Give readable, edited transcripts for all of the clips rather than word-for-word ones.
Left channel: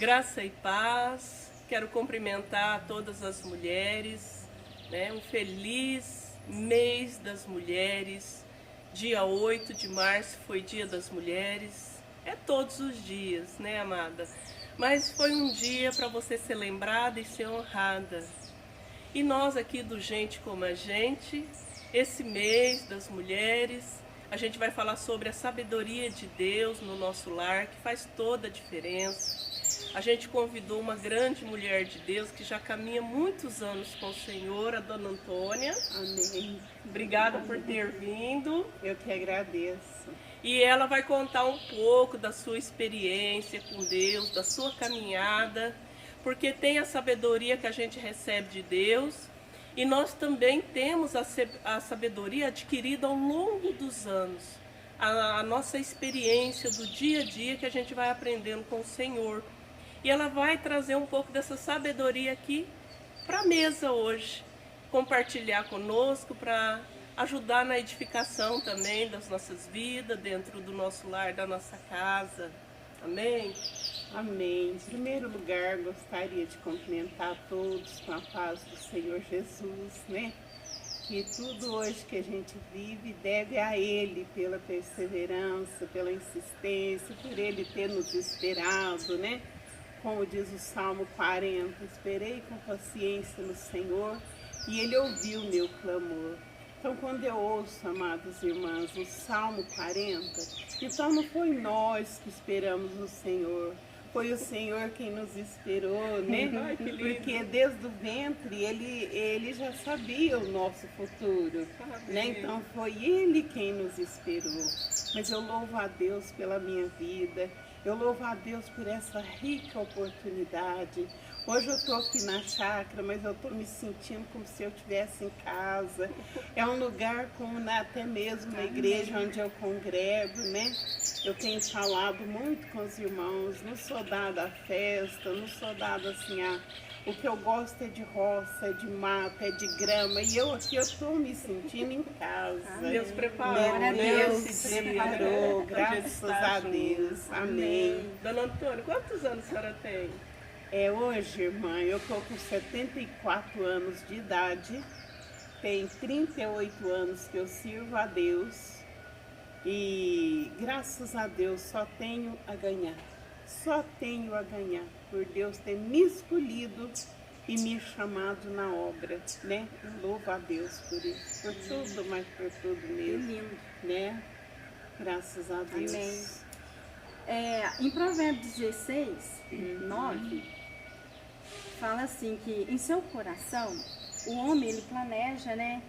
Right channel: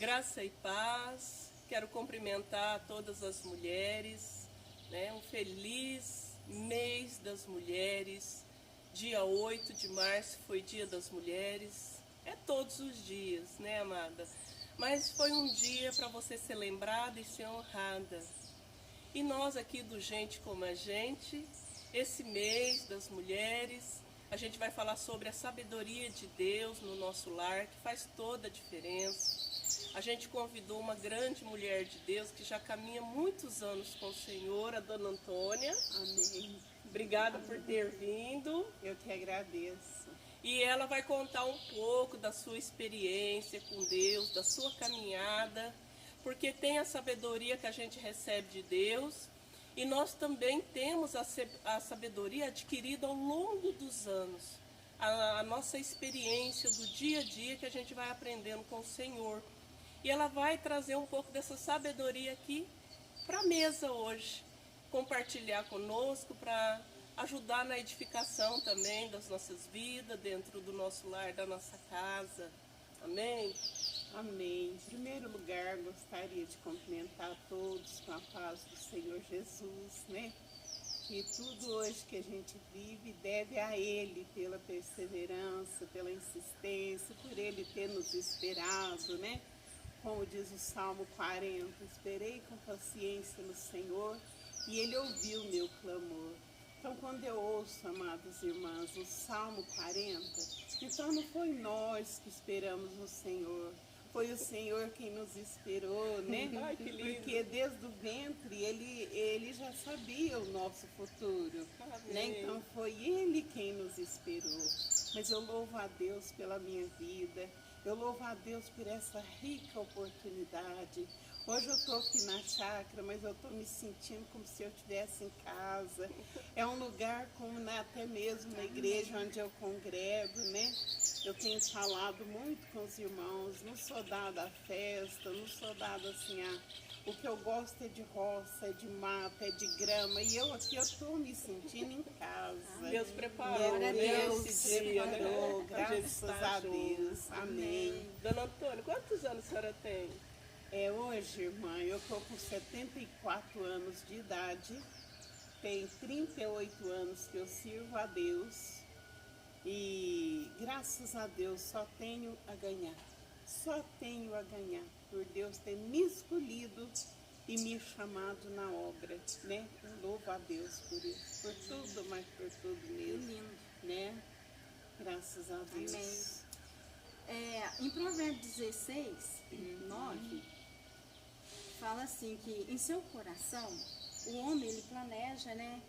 Graça e paz, quero cumprimentar todas as mulheres, né? Um feliz mês das mulheres. Dia 8 de março foi Dia das Mulheres. É todos os dias, né, amada? Mas foi um dia para você ser lembrada e ser honrada. E nós aqui do Gente Como a Gente, esse mês das mulheres, a gente vai falar sobre a sabedoria de Deus no nosso lar, que faz toda a diferença. A gente convidou uma grande mulher de Deus que já caminha muitos anos com o Senhor, a Dona Antônia. Amém. Obrigada por ter vindo. Eu que agradeço. E ela vai contar um pouco da sua experiência com Deus, da sua caminhada, porque tem a sabedoria que a gente recebe de Deus e nós também temos a sabedoria adquirida ao longo dos anos, a nossa experiência do dia a dia que a gente vai aprendendo com o Senhor. E ela vai trazer um pouco dessa sabedoria aqui para a mesa hoje, compartilhar conosco para ajudar na edificação também das nossas vidas, dentro do nosso lar, da nossa casa. Amém? Amém. Em primeiro lugar, gostaria de cumprimentar a todos com a paz do Senhor Jesus, né? Que tudo hoje que a gente vive deve a Ele pela perseverança, pela insistência, por Ele ter nos esperado, né? Como diz o Salmo 40, esperei com paciência no Senhor e Ele ouviu o meu clamor. Então, quando eu ouço, amadas irmãs, o Salmo 40, então não foi nós que esperamos no Senhor, foi o Senhor quem nos esperou, né? Ai, que lindo. Porque desde o ventre ele já sabia o nosso futuro, né? Então foi Ele quem nos esperou. Mas eu louvo a Deus pela minha vida, eu louvo a Deus por essa rica oportunidade. Hoje eu estou aqui na chácara, mas eu estou me sentindo como se eu estivesse em casa. É um lugar como até mesmo na igreja onde eu congrego, né? Eu tenho falado muito com os irmãos, não sou dada a festa, não sou dada assim a... O que eu gosto é de roça, é de mato, é de grama. E eu aqui eu estou me sentindo em casa. Deus preparou, Glória a né, Deus, esse se dia, preparou, né, pra gente graças estar a Deus. Amém. Dona Antônia, quantos anos a senhora tem? Hoje, irmã, eu estou com 74 anos de idade, tem 38 anos que eu sirvo a Deus e graças a Deus só tenho a ganhar, por Deus ter me escolhido e me chamado na obra, né? Eu louvo a Deus por isso, por tudo, mas por tudo mesmo, né? Graças a Deus. Amém. Em Provérbios 16, 9, fala assim que em seu coração o homem ele planeja, né,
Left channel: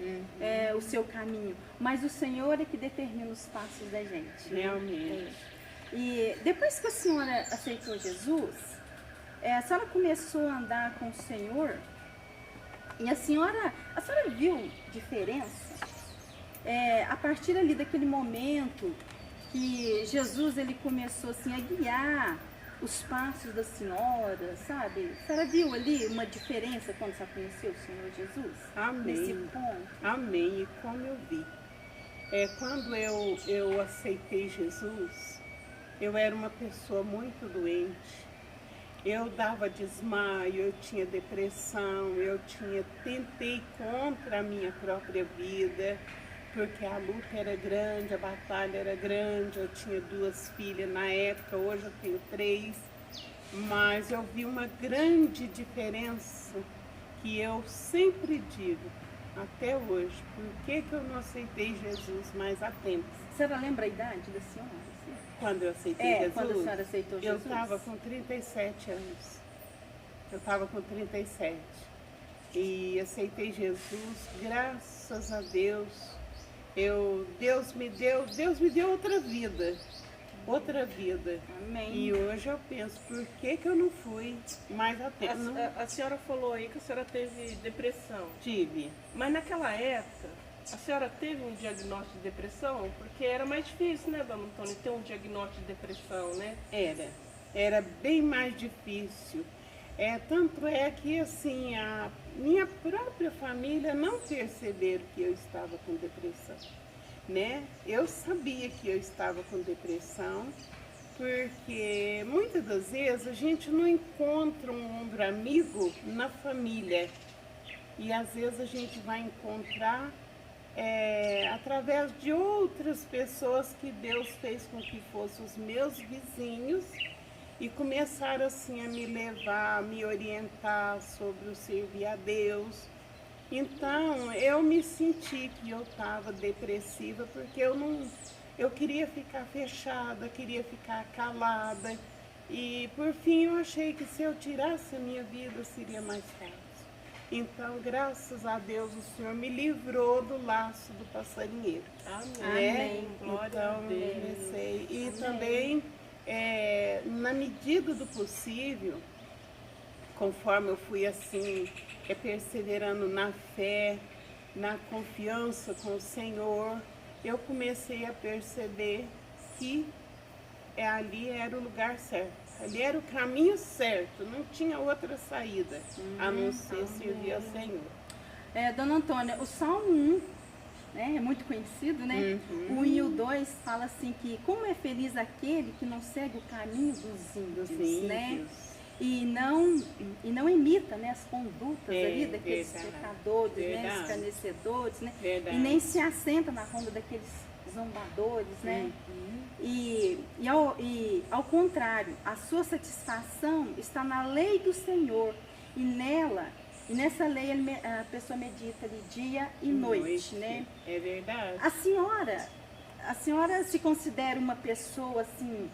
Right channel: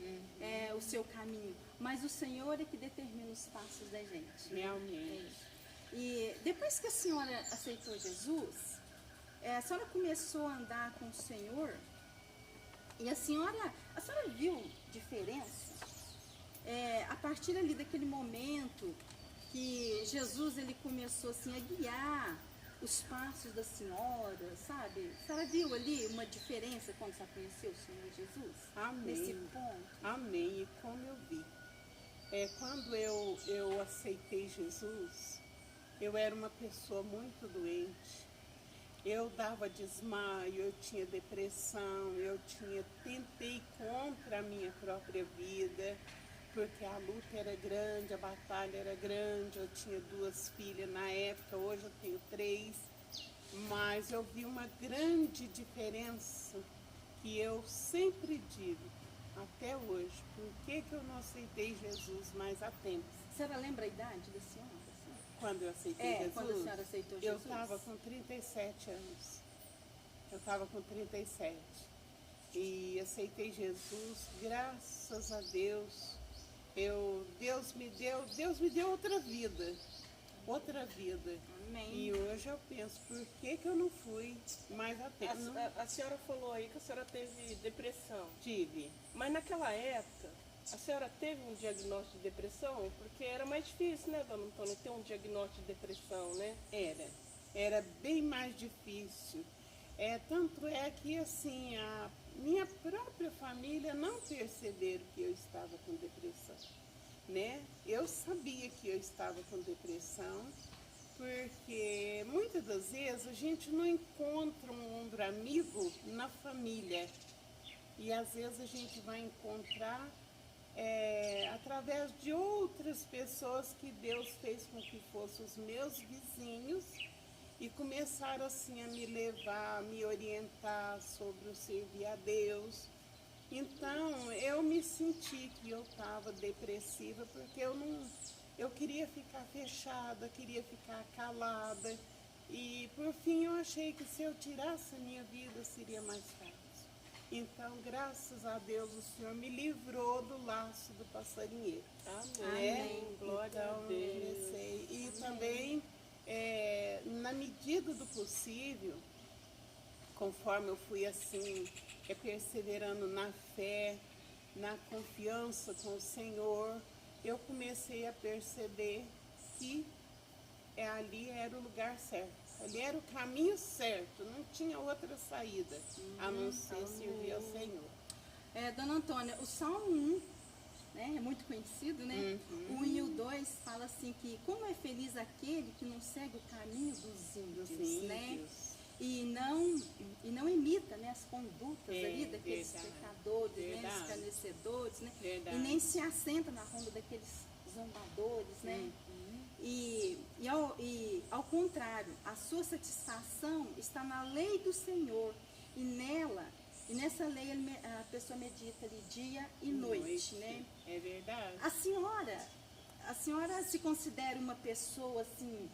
o seu caminho, mas o Senhor é que determina os passos da gente. Realmente. E depois que a senhora aceitou Jesus, a senhora começou a andar com o Senhor e a senhora viu diferença a partir ali daquele momento que Jesus ele começou assim a guiar os passos da senhora, sabe? A senhora viu ali uma diferença quando você conheceu o Senhor Jesus? Amém. Nesse ponto? Amém. E como eu vi, quando eu aceitei Jesus, eu era uma pessoa muito doente. Eu dava desmaio, eu tinha depressão, tentei contra a minha própria vida, porque a luta era grande, a batalha era grande, eu tinha 2 filhas na época, hoje eu tenho 3, mas eu vi uma grande diferença que eu sempre digo, até hoje, por que eu não aceitei Jesus mais a tempo? A senhora lembra a idade da senhora? Quando eu aceitei Jesus, quando a senhora aceitou eu Jesus? estava com 37 anos. Eu estava com 37. E aceitei Jesus, graças a Deus. Deus me deu outra vida. Outra vida. Amém. E hoje eu penso, por que eu não fui mais a tempo? A senhora falou aí que a senhora teve depressão. Tive. Mas naquela época, a senhora teve um diagnóstico de depressão? Porque era mais difícil, né, Dona Antônia, ter um diagnóstico de depressão, né? Era bem mais difícil. Tanto é que assim, a minha própria família não perceberam que eu estava com depressão, né? Eu sabia que eu estava com depressão, Porque muitas das vezes a gente não encontra um ombro amigo na família. E às vezes a gente vai encontrar através de outras pessoas que Deus fez com que fossem os meus vizinhos e começaram assim a me levar, a me orientar sobre o servir a Deus. Então eu me senti que eu estava depressiva porque eu queria ficar fechada, queria ficar calada e por fim eu achei que se eu tirasse a minha vida seria mais fácil. Então, graças a Deus, o Senhor me livrou do laço do passarinheiro. Amém. Né? Glória Então, a Deus. comecei. E Amém. também, na medida do possível, conforme eu fui assim, perseverando na fé, na confiança com o Senhor, eu comecei a perceber que ali era o lugar certo. Ali era o caminho certo, não tinha outra saída a não ser servir ao Senhor. Dona Antônia, o Salmo 1, né, é muito conhecido, né? O 1 e o 2 fala assim que como é feliz aquele que não segue o caminho dos ímpios, né? E não imita, né, as condutas ali daqueles pecadores, né, escarnecedores, né? E nem se assenta na ronda daqueles zombadores, né? E ao contrário, a sua satisfação está na lei do Senhor e nessa lei a pessoa medita ali dia e noite, né? É verdade. A senhora se considera uma pessoa assim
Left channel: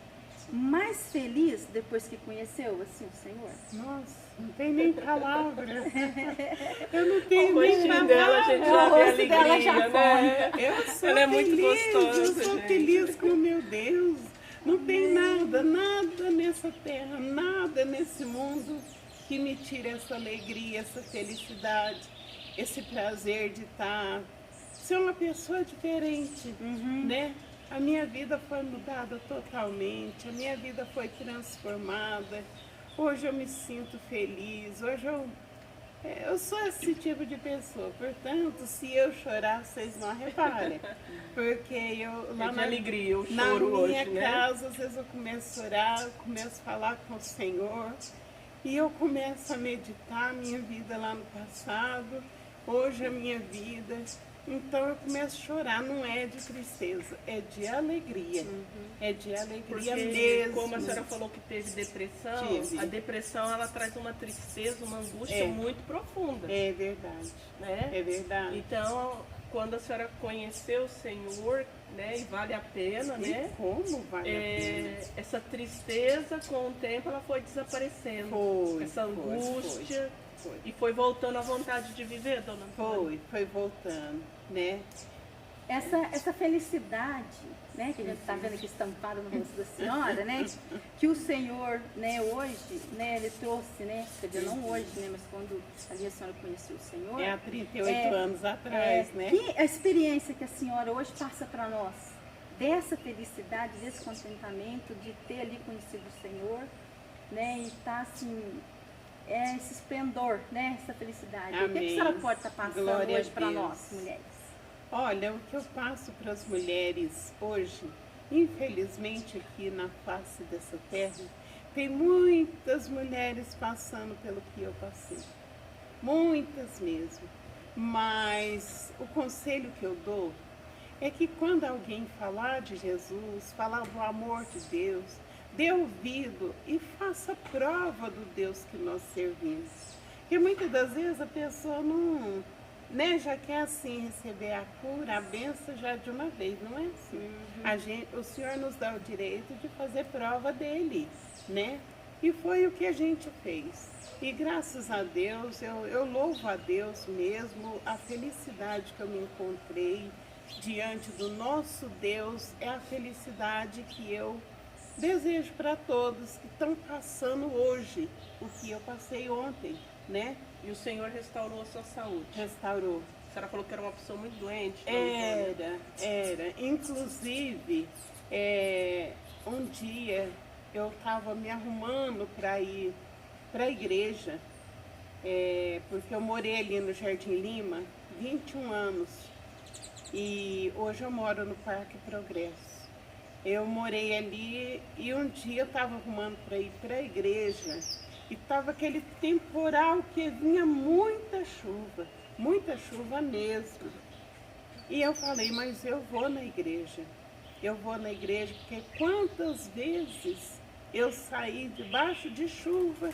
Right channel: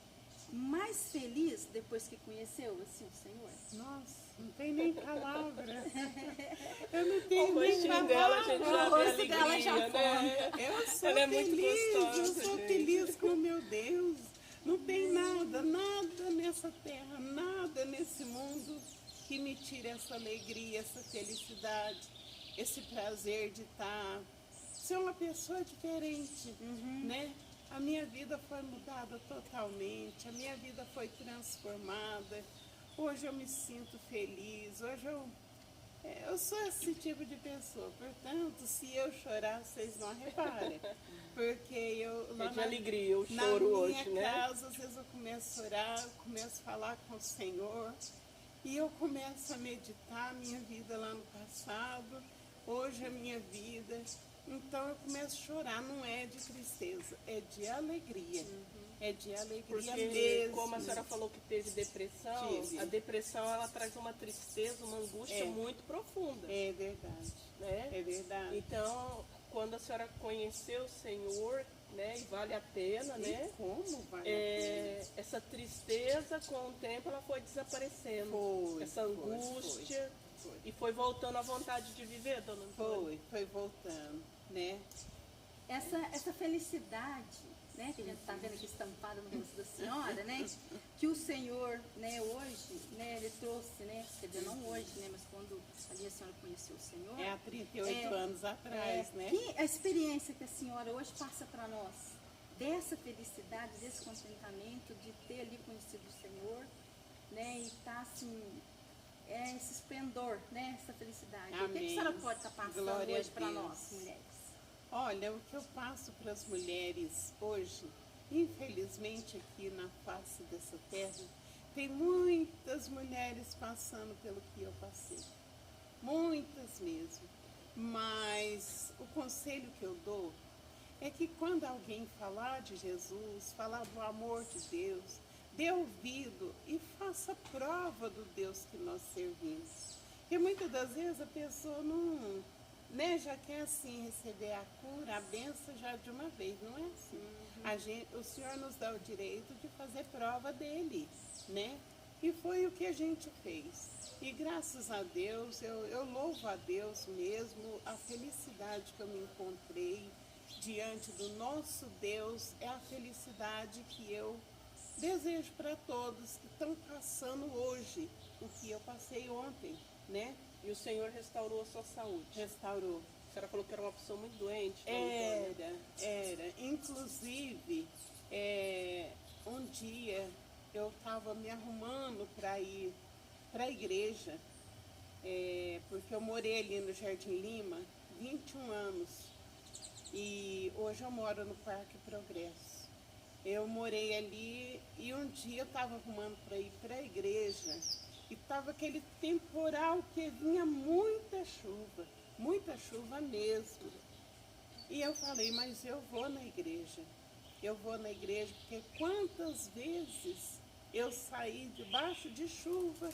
mais feliz depois que conheceu assim o Senhor? Nossa, não tem nem palavra. Eu não tenho O nem rostinho dela, a palavra. gente já vê rosto dela já alegria, né? Eu sou Ela é muito feliz, gostosa, eu sou gente. feliz com o meu Deus. Não tem nada nessa terra, nada nesse mundo que me tire essa alegria, essa felicidade, esse prazer de ser uma pessoa diferente, né? A minha vida foi mudada totalmente, a minha vida foi transformada. Hoje eu me sinto feliz, hoje eu sou esse tipo de pessoa. Portanto, se eu chorar, vocês não reparem. Porque É de alegria, o na choro minha hoje, né? casa, às vezes eu começo a orar, eu começo a falar com o Senhor. E eu começo a meditar a minha vida lá no passado, hoje a minha vida. Então eu começo a chorar, não é de tristeza, é de alegria. É de alegria Porque, mesmo. como a senhora falou que teve depressão, Tive. a depressão ela traz uma tristeza, uma angústia muito profunda, É verdade, né? é verdade. Então, quando a senhora conheceu o Senhor, né, e vale a pena, E né? como vale a pena? Essa tristeza, com o tempo, ela foi desaparecendo. Essa angústia. Foi. E foi voltando à vontade de viver, dona Antônia? Foi voltando, né? Essa felicidade, né, que a gente está vendo aqui estampada no rosto da senhora, né, que o Senhor, né, hoje, né, ele trouxe, né, quer dizer, não hoje, né, mas quando ali a senhora conheceu o Senhor. É há 38 anos atrás, né? Que a experiência que a senhora hoje passa para nós, dessa felicidade, desse contentamento, de ter ali conhecido o Senhor, né, e estar assim, esse esplendor, né, essa felicidade. Amém. O que a senhora pode estar passando Glória hoje a para Deus. nós, mulheres? Olha, o que eu passo para as mulheres hoje, infelizmente aqui na face dessa terra, tem muitas mulheres passando pelo que eu passei. Muitas mesmo. Mas o conselho que eu dou é que quando alguém falar de Jesus, falar do amor de Deus, dê ouvido e faça prova do Deus que nós servimos. Porque muitas das vezes a pessoa não, né, já quer assim receber a cura, a bênção já de uma vez, não é assim. O Senhor nos dá o direito de fazer prova dele, né? E foi o que a gente fez. E graças a Deus, eu louvo a Deus mesmo, a felicidade que eu me encontrei diante do nosso Deus é a felicidade que eu desejo para todos que estão passando hoje o que eu passei ontem, né? E o Senhor restaurou a sua saúde. Restaurou. A senhora falou que era uma pessoa muito doente. né? Era. Inclusive, um dia eu estava me arrumando para ir para a igreja, porque eu morei ali no Jardim Lima 21 anos e hoje eu moro no Parque Progresso. Eu morei ali e um dia eu estava arrumando para ir para a igreja e estava aquele temporal que vinha muita chuva mesmo. E eu falei, mas eu vou na igreja, porque quantas vezes eu saí debaixo de chuva,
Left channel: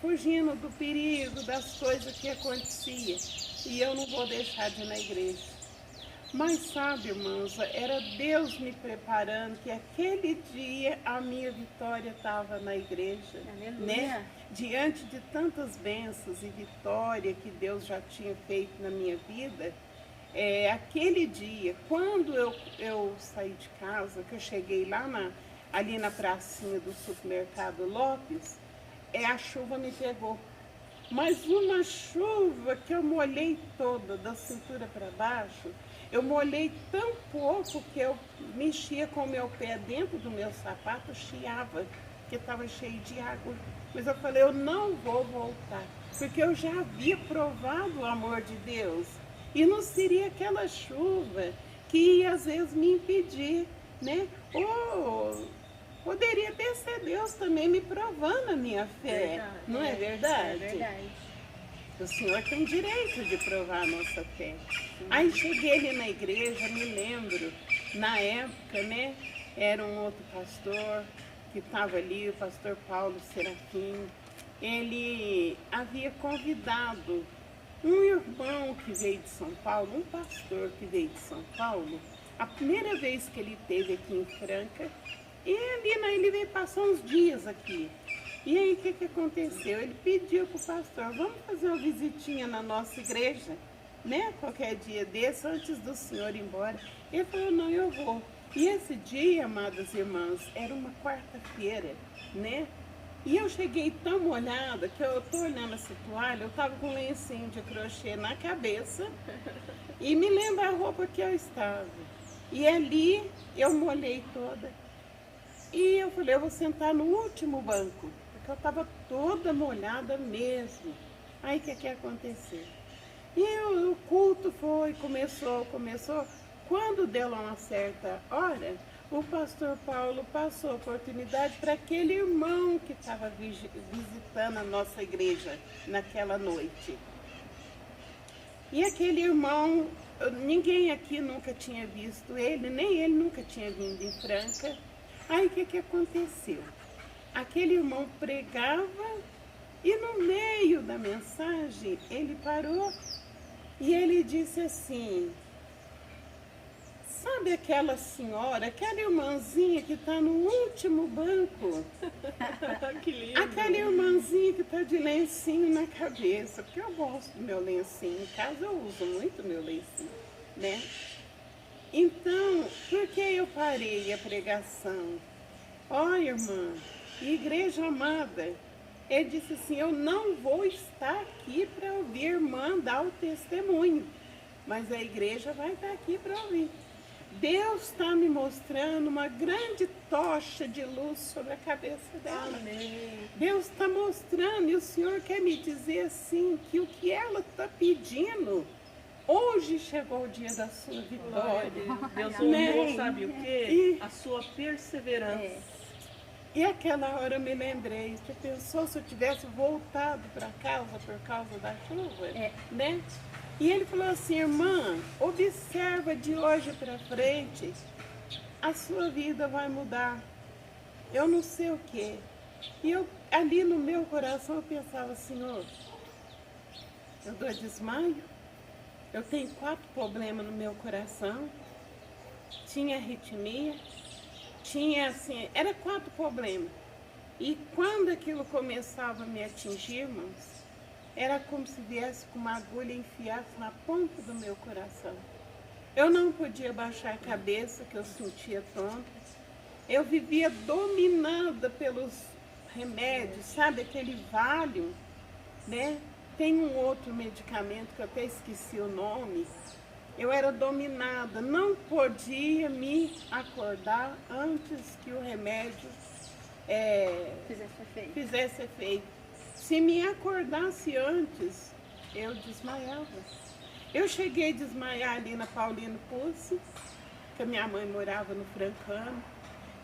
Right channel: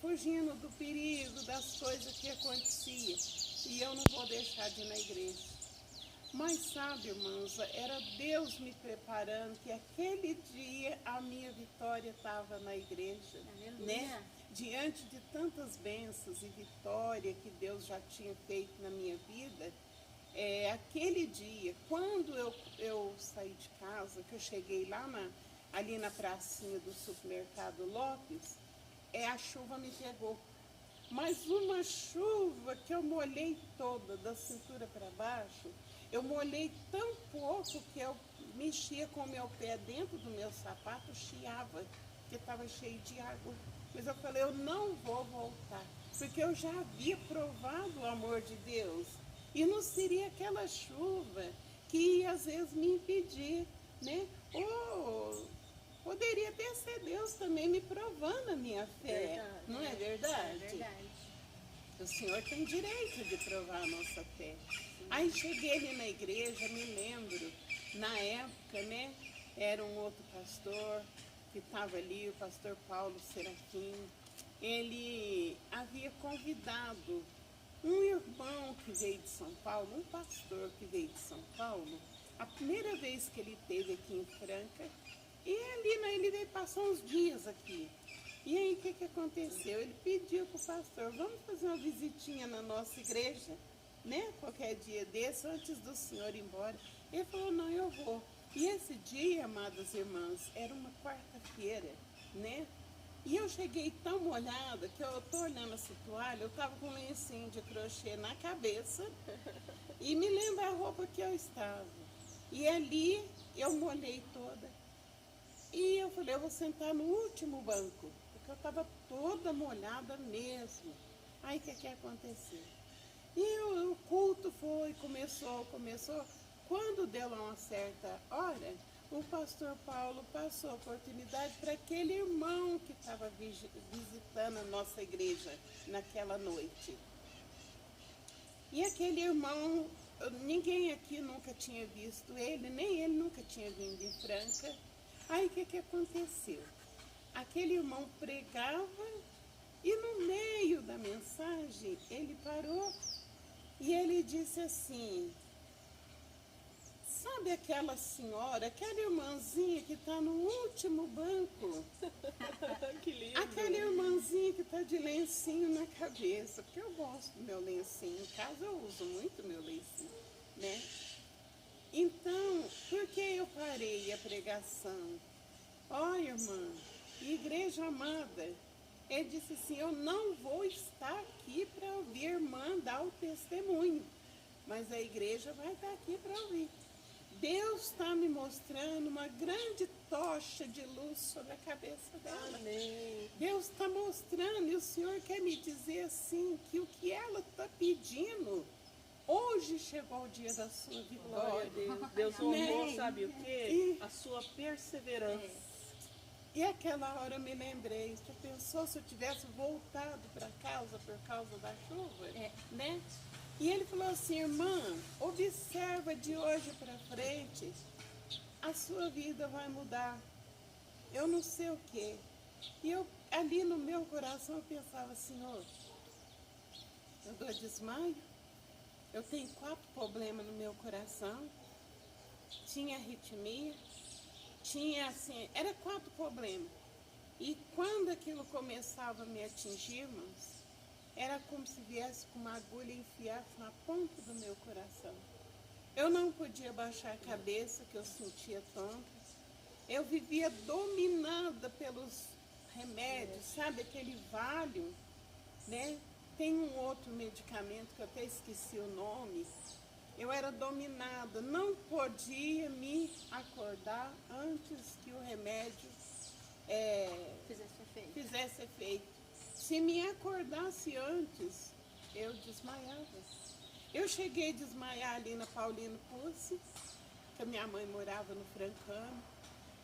fugindo do perigo, das coisas que aconteciam, e eu não vou deixar de ir na igreja. Mas sabe, irmãos, era Deus me preparando que aquele dia a minha vitória estava na igreja, né? Diante de tantas bênçãos e vitória que Deus já tinha feito na minha vida, aquele dia, quando eu saí de casa, que eu cheguei lá ali na pracinha do supermercado Lopes, a chuva me pegou. Mas uma chuva que eu molhei toda, da cintura para baixo. Eu molhei tão pouco que eu mexia com o meu pé dentro do meu sapato, chiava, porque estava cheio de água. Mas eu falei, eu não vou voltar, porque eu já havia provado o amor de Deus. E não seria aquela chuva que ia, às vezes, me impedir, né? Ou poderia ter sido Deus também me provando a minha fé, não é verdade? É verdade. O Senhor tem direito de provar a nossa fé. Aí cheguei ali na igreja, me lembro, na época, né, era um outro pastor que estava ali, o pastor Paulo Serafim. Ele havia convidado um irmão que veio de São Paulo, um pastor que veio de São Paulo, a primeira vez que ele esteve aqui em Franca, e ele veio passar uns dias aqui. E aí o que aconteceu? Ele pediu para o pastor, vamos fazer uma visitinha na nossa igreja, né? Qualquer dia desse, antes do senhor ir embora. Ele falou, não, eu vou. E esse dia, amadas irmãs, era uma quarta-feira, né? E eu cheguei tão molhada que eu tô olhando essa toalha, eu tava com um lencinho de crochê na cabeça e me lembra a roupa que eu estava. E ali eu molhei toda. E eu falei, eu vou sentar no último banco, porque eu estava toda molhada mesmo. Aí o que aconteceu? E o culto começou. Quando deu uma certa hora, o pastor Paulo passou a oportunidade para aquele irmão que estava visitando a nossa igreja naquela noite. E aquele irmão, ninguém aqui nunca tinha visto ele, nem ele nunca tinha vindo em Franca. Aí o que aconteceu? Aquele irmão pregava e no meio da mensagem ele parou e ele disse assim, sabe aquela senhora, aquela irmãzinha que está no último banco? Que lindo. Aquela irmãzinha que está de lencinho na cabeça, porque eu gosto do meu lencinho, em casa eu uso muito meu lencinho, né? Então, por que eu parei a pregação? Ó, irmã, igreja amada, ele disse assim, eu não vou estar aqui para ouvir a irmã dar o testemunho, mas a igreja vai estar aqui para ouvir. Deus está me mostrando uma grande tocha de luz sobre a cabeça dela. Amém. Deus está mostrando e o Senhor quer me dizer assim, que o que ela está pedindo, hoje chegou o dia da sua vitória. Deus Né? ouviu, sabe o quê? A sua perseverança. E aquela hora eu me lembrei, você pensou se eu tivesse voltado para casa por causa da chuva? Né? E ele falou assim, irmã, observa de hoje para frente, a sua vida vai mudar. Eu não sei o quê. E eu, ali no meu coração, eu pensava, Senhor, eu dou desmaio, eu tenho 4 problemas no meu coração, tinha arritmia, tinha assim, era 4 problemas. E quando aquilo começava a me atingir, irmãos, era como se viesse com uma agulha e enfiasse na ponta do meu coração. Eu não podia baixar a cabeça, que eu sentia tonta. Eu vivia dominada pelos remédios, sabe? Aquele Valium, né? Tem um outro medicamento que eu até esqueci o nome. Eu era dominada, não podia me acordar antes que o remédio fizesse efeito. Se me acordasse antes, eu desmaiava. Eu cheguei a desmaiar ali na Paulino Pucci, que a minha mãe morava no Francano.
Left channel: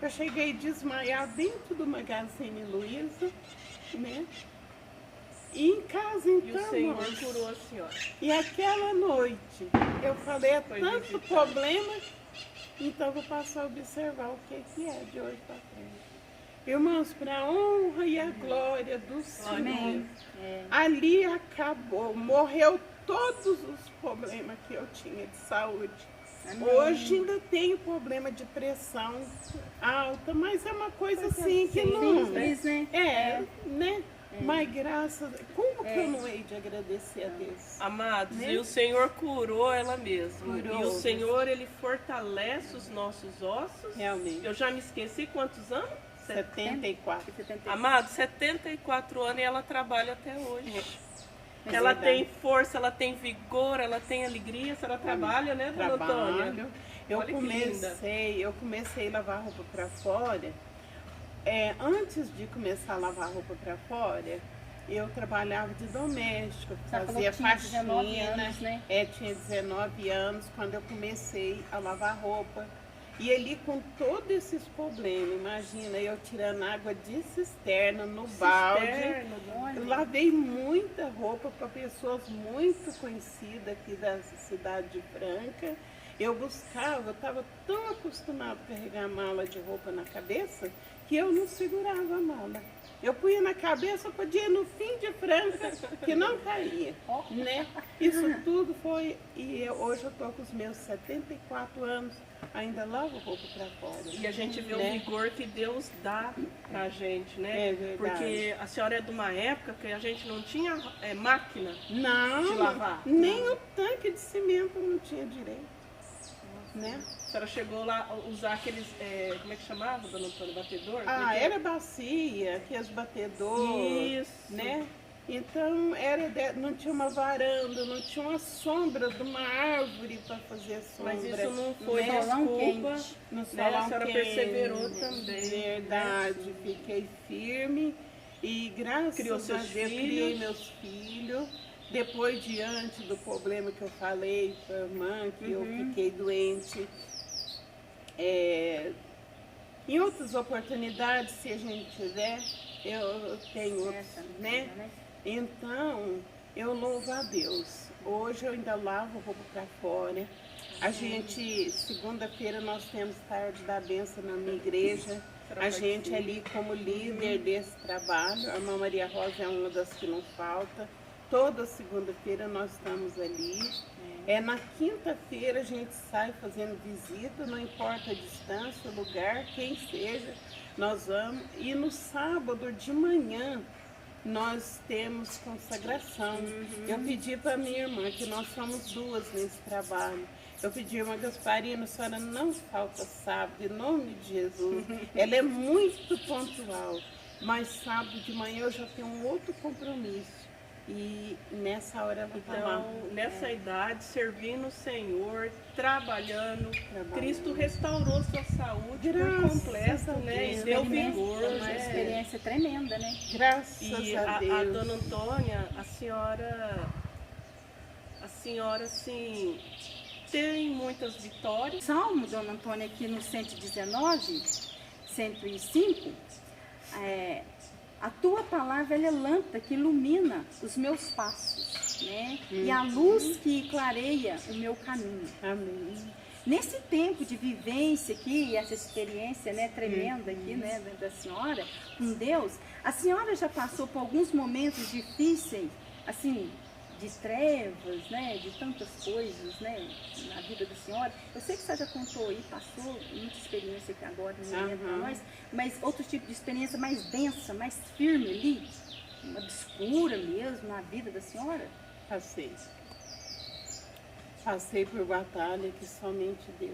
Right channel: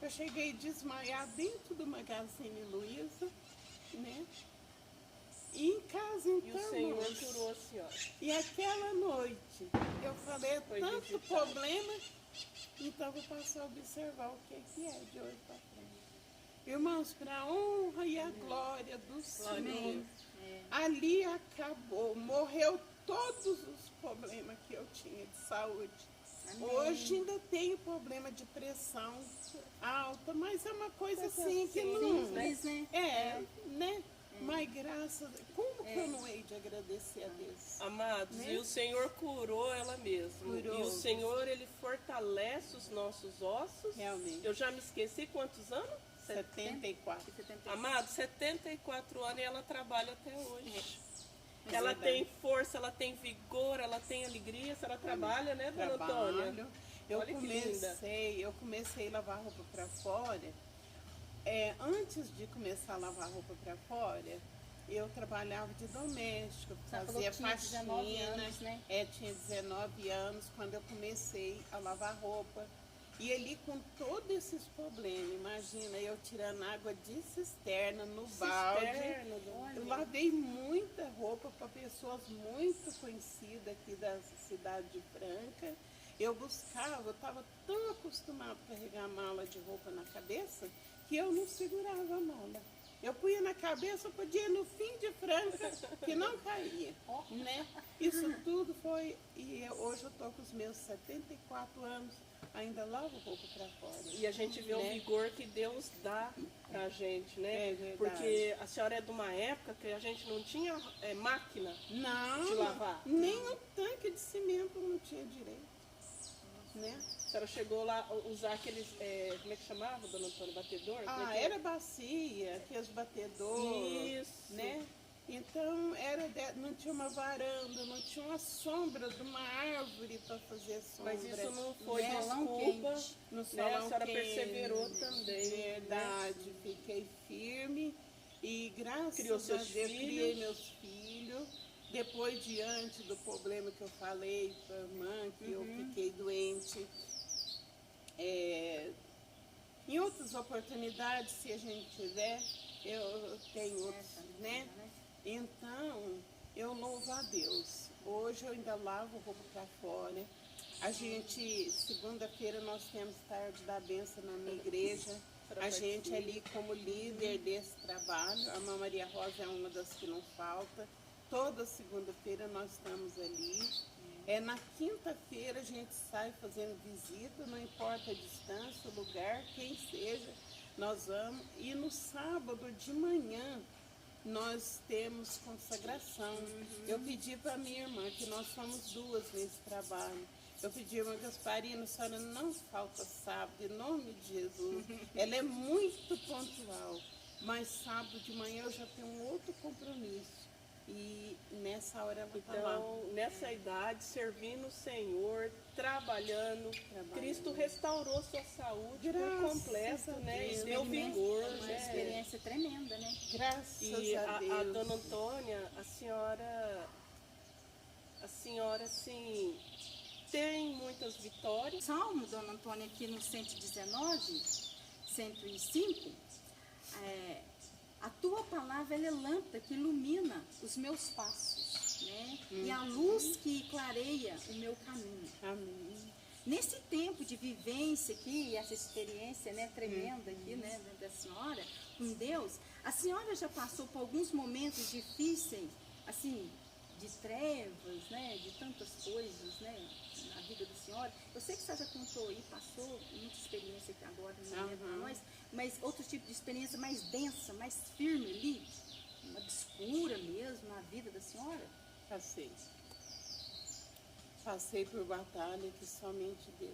Eu cheguei a desmaiar dentro do Magazine Luiza, né? E em casa, E então, o Senhor irmãos, curou a senhora. e aquela noite, eu falei, é Foi tanto visitado. problema, então eu vou passar a observar o que é de hoje para frente. Irmãos, para a honra e a glória do Senhor, Amém. É. ali acabou, morreu todos os problemas que eu tinha de saúde. Amém. Hoje ainda tenho problema de pressão alta, mas é uma coisa assim que não... Simples, né? Né? Mas graças... Como que eu não hei de agradecer a Deus? Amados, Né? e o Senhor curou ela mesma. Curou. E o Senhor, Ele fortalece os nossos ossos. Realmente. Eu já me esqueci quantos anos? 74. Amados, 74 anos e ela trabalha até hoje. Mas Ela é tem força, ela tem vigor, ela tem alegria. A senhora trabalha, né, dona Antônia? Trabalho. Eu Olha que linda. comecei a lavar roupa para fora. Antes de começar a lavar roupa para fora, eu trabalhava de doméstico, Você falou fazia que tinha 19 faxina. anos, né? Tinha 19 anos quando eu comecei a lavar roupa. E ali com todos esses problemas, imagina, eu tirando água de cisterna no balde. Cisterna, Eu lavei muita roupa para pessoas muito conhecidas aqui da cidade de Franca. Eu estava tão acostumada a carregar mala de roupa na cabeça que eu não segurava a mala. Eu punha na cabeça, podia ir no fim de Franca, que não caía, né? Isso tudo foi, hoje eu estou com os meus 74 anos, ainda lavo roupa para fora. E a gente vê né? o vigor que Deus dá pra gente, né? É verdade. Porque a senhora é de uma época que a gente não tinha máquina. Não, De lavar? nem o tanque de cimento não tinha direito, né? A senhora chegou lá a usar aqueles, como é que chamava, dona Antônia? Batedor? Era bacia, aqueles batedores, Isso. né? Então não tinha uma varanda, não tinha uma sombra de uma árvore para fazer sombra. Mas isso não foi né? Solão desculpa. quente. No Né? A solão senhora quente. perseverou também. Verdade, fiquei firme e graças Criou a seus Deus filhos. criei meus filhos. Depois, diante do problema que eu falei para a irmã, que eu fiquei doente, em outras oportunidades, se a gente tiver, eu tenho outros, né? Então, eu louvo a Deus. Hoje eu ainda lavo roupa para fora. A gente, segunda-feira, nós temos tarde da bênção na minha igreja. A gente ali como líder desse trabalho, a irmã Maria Rosa é uma das que não falta. Toda segunda-feira nós estamos ali. Na quinta-feira a gente sai fazendo visita, não importa a distância, o lugar, quem seja, nós vamos. E no sábado de manhã nós temos consagração. Eu pedi para minha irmã, que nós somos duas nesse trabalho. Eu pedi, irmã Gasparina, a senhora não falta sábado, em nome de Jesus. Ela é muito pontual, mas sábado de manhã eu já tenho um outro compromisso. E nessa hora ela está lá. Então, nessa idade, servindo o Senhor, trabalhando, Cristo restaurou sua saúde por Graças completo, a né? E Deus. deu Experimenta- vigor, uma né? experiência tremenda, né? Graças E a Deus. a dona Antônia, a senhora, assim, tem muitas vitórias. Salmo, dona Antônia, aqui no 119, 105, a tua palavra ela é lâmpada que ilumina os meus passos, né? E a luz que clareia o meu caminho. Amém. Nesse tempo de vivência aqui, essa experiência, né, tremenda aqui, né, da senhora com Deus, a senhora já passou por alguns momentos difíceis, assim, de trevas, né, de tantas coisas, né, na vida da senhora. Eu sei que você já contou aí, passou muita experiência aqui agora, não lembro para nós, mas outro tipo de experiência mais densa, mais firme ali, obscura mesmo na vida da senhora? Passei. Passei por batalha que somente Deus.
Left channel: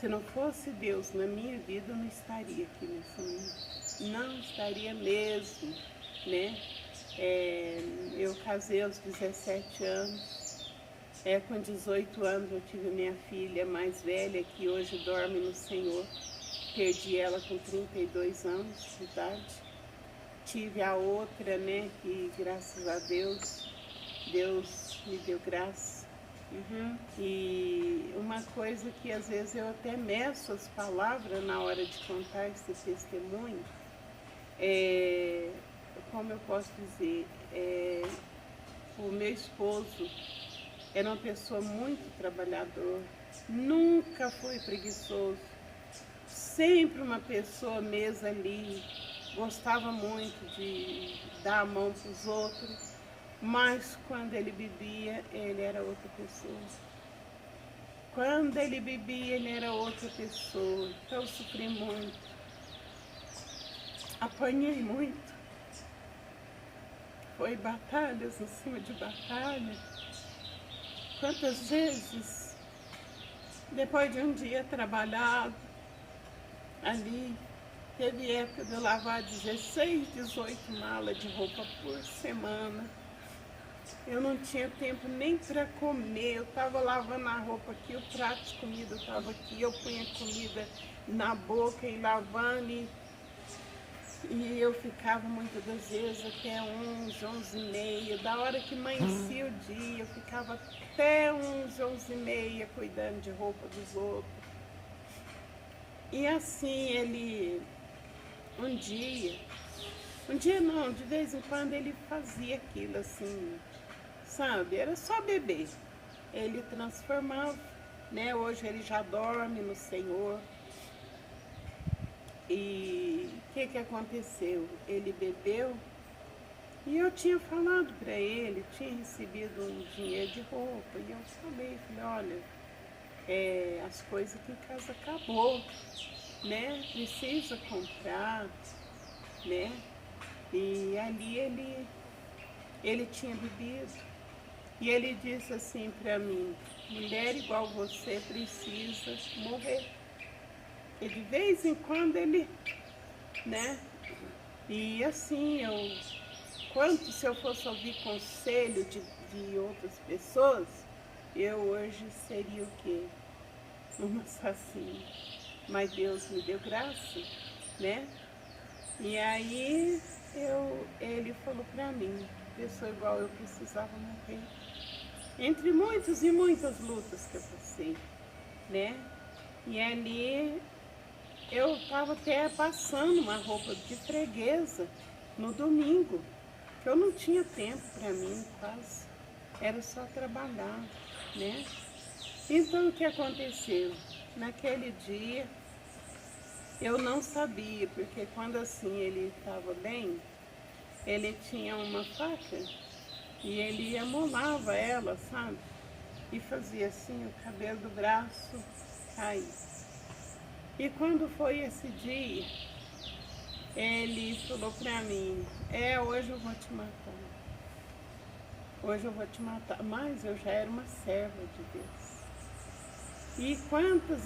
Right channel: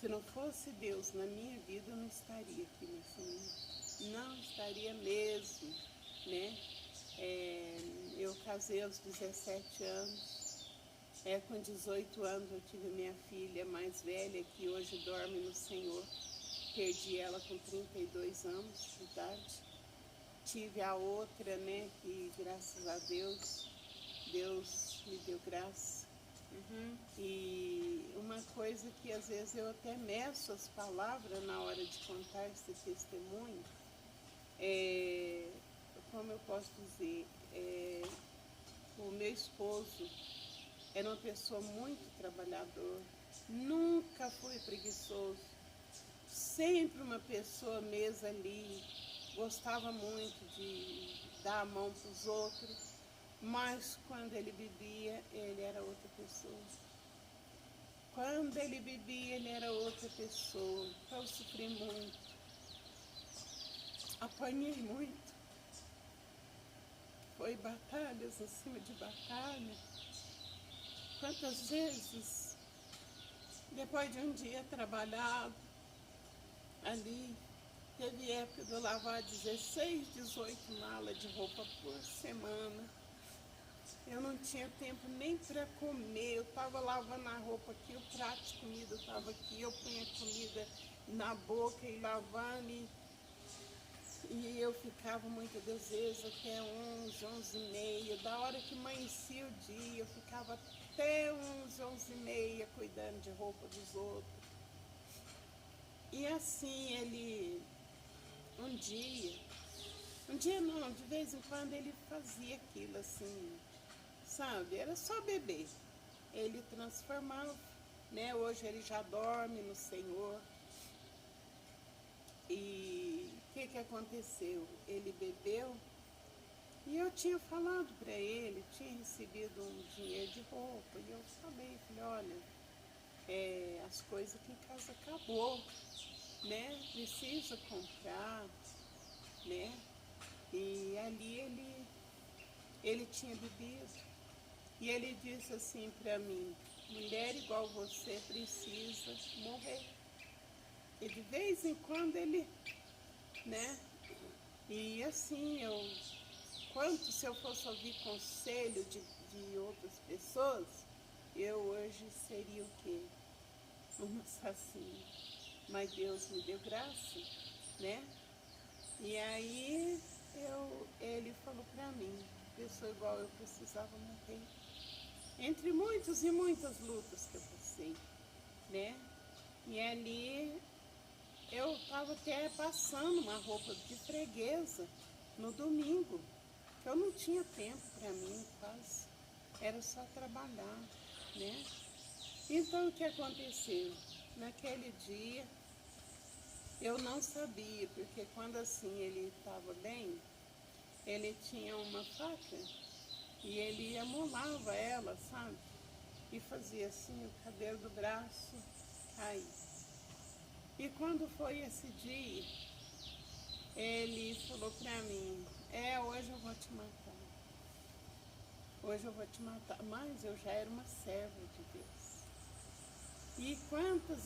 Se não fosse Deus na minha vida, eu não estaria aqui nesse momento. Não estaria mesmo, né? Eu casei aos 17 anos. Com 18 anos eu tive minha filha mais velha, que hoje dorme no Senhor. Perdi ela com 32 anos de idade. Tive a outra, né, que graças a Deus, Deus me deu graça, E uma coisa que às vezes eu até meço as palavras na hora de contar esse testemunho, como eu posso dizer, o meu esposo era uma pessoa muito trabalhadora, nunca foi preguiçoso, sempre uma pessoa mesmo ali, gostava muito de dar a mão para os outros, mas quando ele bebia, ele era outra pessoa. Quando ele bebia, ele era outra pessoa. Então eu sofri muito, apanhei muito. Foi batalhas em cima de batalha. Quantas vezes, depois de um dia trabalhado, ali, teve época de eu lavar 16, 18 malas de roupa por semana. Eu não tinha tempo nem para comer, eu estava lavando a roupa aqui, o prato de comida estava aqui, eu punha comida na boca e lavando, e eu ficava muitas das vezes até 11, 11 e meia, da hora que amanhecia o dia, eu ficava até 11, 11 e meia cuidando de roupa dos outros. E assim ele, um dia não, de vez em quando ele fazia aquilo assim, sabe, era só beber. Ele transformava, né? Hoje ele já dorme no Senhor. E o que aconteceu? Ele bebeu e eu tinha falado para ele, tinha recebido um dinheiro de roupa. E eu falei, olha, as coisas aqui em casa acabou, né? Precisa comprar, né? E ali ele tinha bebido. E ele disse assim para mim, mulher igual você precisa morrer. E de vez em quando ele, né? E assim, se eu fosse ouvir conselho de outras pessoas, eu hoje seria o quê? Uma assassina. Mas Deus me deu graça, né? E aí ele falou para mim, pessoa igual eu precisava morrer. Entre muitas e muitas lutas que eu passei, né? E ali eu estava até passando uma roupa de freguesa no domingo, que eu não tinha tempo para mim quase, era só trabalhar, né? Então o que aconteceu? Naquele dia eu não sabia, porque quando assim ele estava bem, ele tinha uma faca e ele amolava ela, sabe? E fazia assim, o cabelo do braço cair. E quando foi esse dia, ele falou pra mim, hoje eu vou te matar. Hoje eu vou te matar. Mas eu já era uma serva de Deus. E quantas